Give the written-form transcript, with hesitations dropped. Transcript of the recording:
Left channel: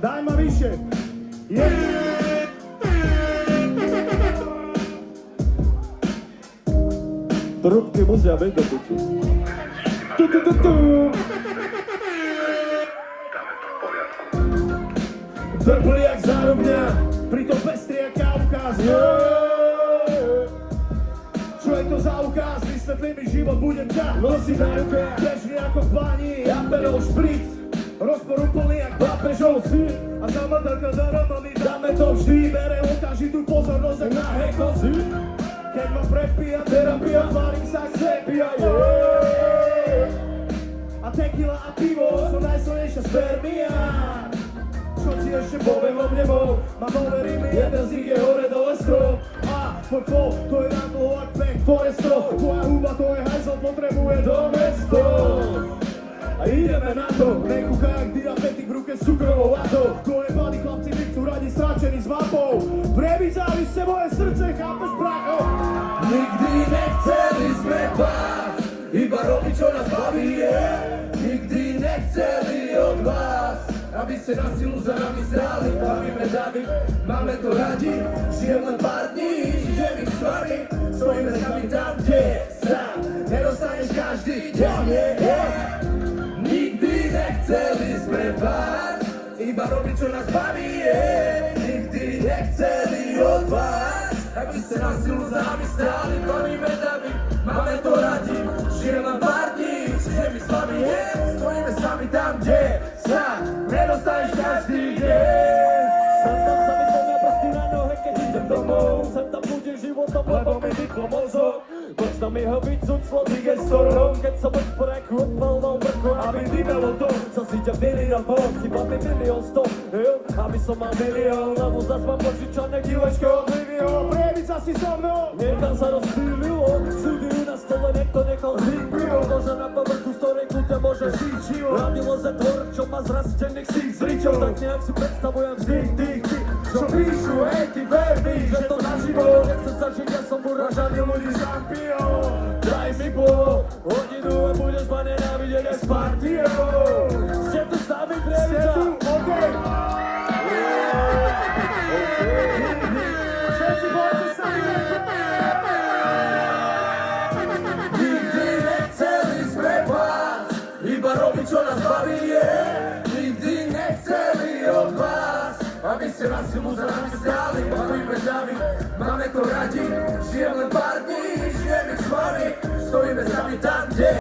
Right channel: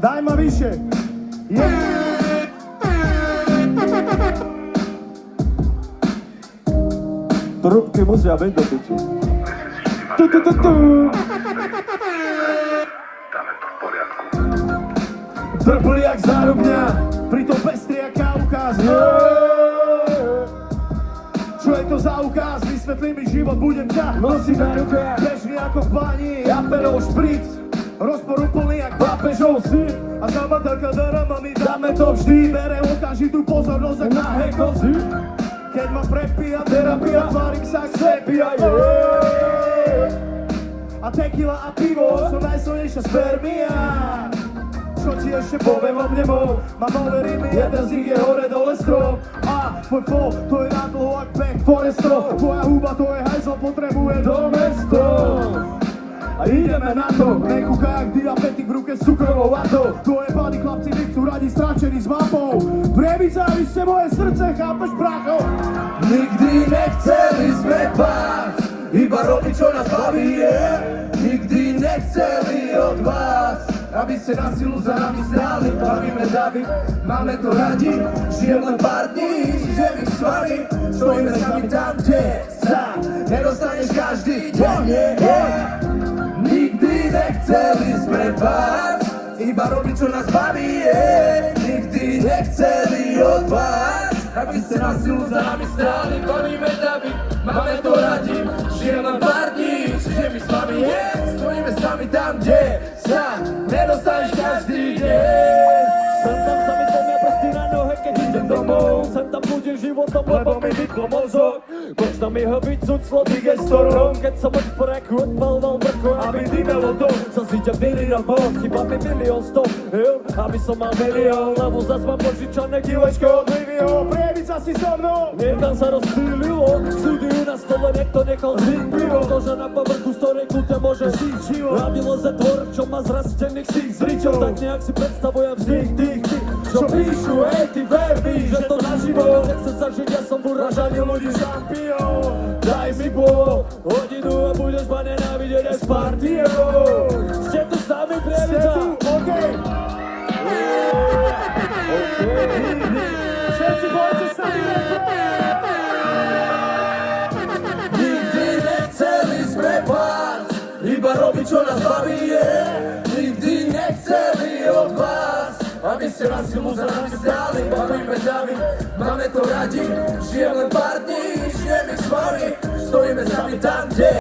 Daj ma vyššie. Trubky musia byť do piči. Drbli jak zárubňa, pritom pestri jak Kaukaz. Čo je to za ukaz? Vysvetlí mi život, budem ťa nosiť na ruke. Bežný ako v bani, Apelov špric, rozpor úplný jak pápežov syn. A zamadelka darama my dáme to vždy. Bere okamžitú pozornosť ak na hekozy. Keď ma prepíja terapia, tvárim sa aj slepý. A tequila a pivo sú najsilnejšia spermia. Čo ti ešte poviem o mne bol? Mám overy mi, jeden z nich je hore dole strop. A tvoj pol, to je na dlho ak Black Forestro. Tvoja huba, to je hajzl, potrebuje domesto. A ideme na to, nekúchaj jak diabetik v ruke s cukrovou vatou. Tvoje body chlapci mi chcú radi stračení s mapou. Prebicali ste moje srdce, chápeš bracho? Nikdy nechceli sme vás, iba robiť čo nás baví je. Nikdy nechceli od vás, aby ste na silu za nami stáli. Bavíme davy, máme to radi, žijem len pár dní, žijem ich s vami. Stojíme sami tam, kde sa nedostaneš každý deň. Nikdy nechceli sme vás, iba robiť čo nás baví je. Nikdy nechceli od vás, aby ste na silu za nami stáli. Bavíme davy, máme to radi, žijem len pár dní, žijem ich s vami je. Stojíme sami tam, kde sa nedostaneš každý deň. Som tam sami zemia prsty na nohe, keď idem domov. Sem tam budem životom, lebo mi vyplo mozog. Možno mi ho vycúť slový gestorom, keď som od sporeku odpal dal drku, aby dýmelo to. Som si ťa byli na bok, chyba mi milión stop, aby som mal milión, lebo zas mám požičané kilečko oblivion. Prebica si so mnou. Niekam sa rozptýlilo, súdiu na stole, niekto nechal zvyk pivo. Nože na povrchu, z ktorej kľudne môže žiť život. Radilo za tvor, čo má zrastených síc zričov. Tak nejak si predstavujem vznik tých, čo píšu, hej, ty verní, že to naživo. Nechce sa žiť, ja som uražaný ľudí šampión. Daj si po hodinu a budeš ma nenávidieť aj s partiou. Ste tu s nami, priavica? Okay. Všetci poďte s nami Nikdy nechceli sme vás, iba robiť čo nás baví je. Nikdy nechceli od vás, aby ste na silu za nami stáli. Bavíme davy, máme to radi, žijem len pár dní, žijem ich s vami. Stojíme sami tam, kde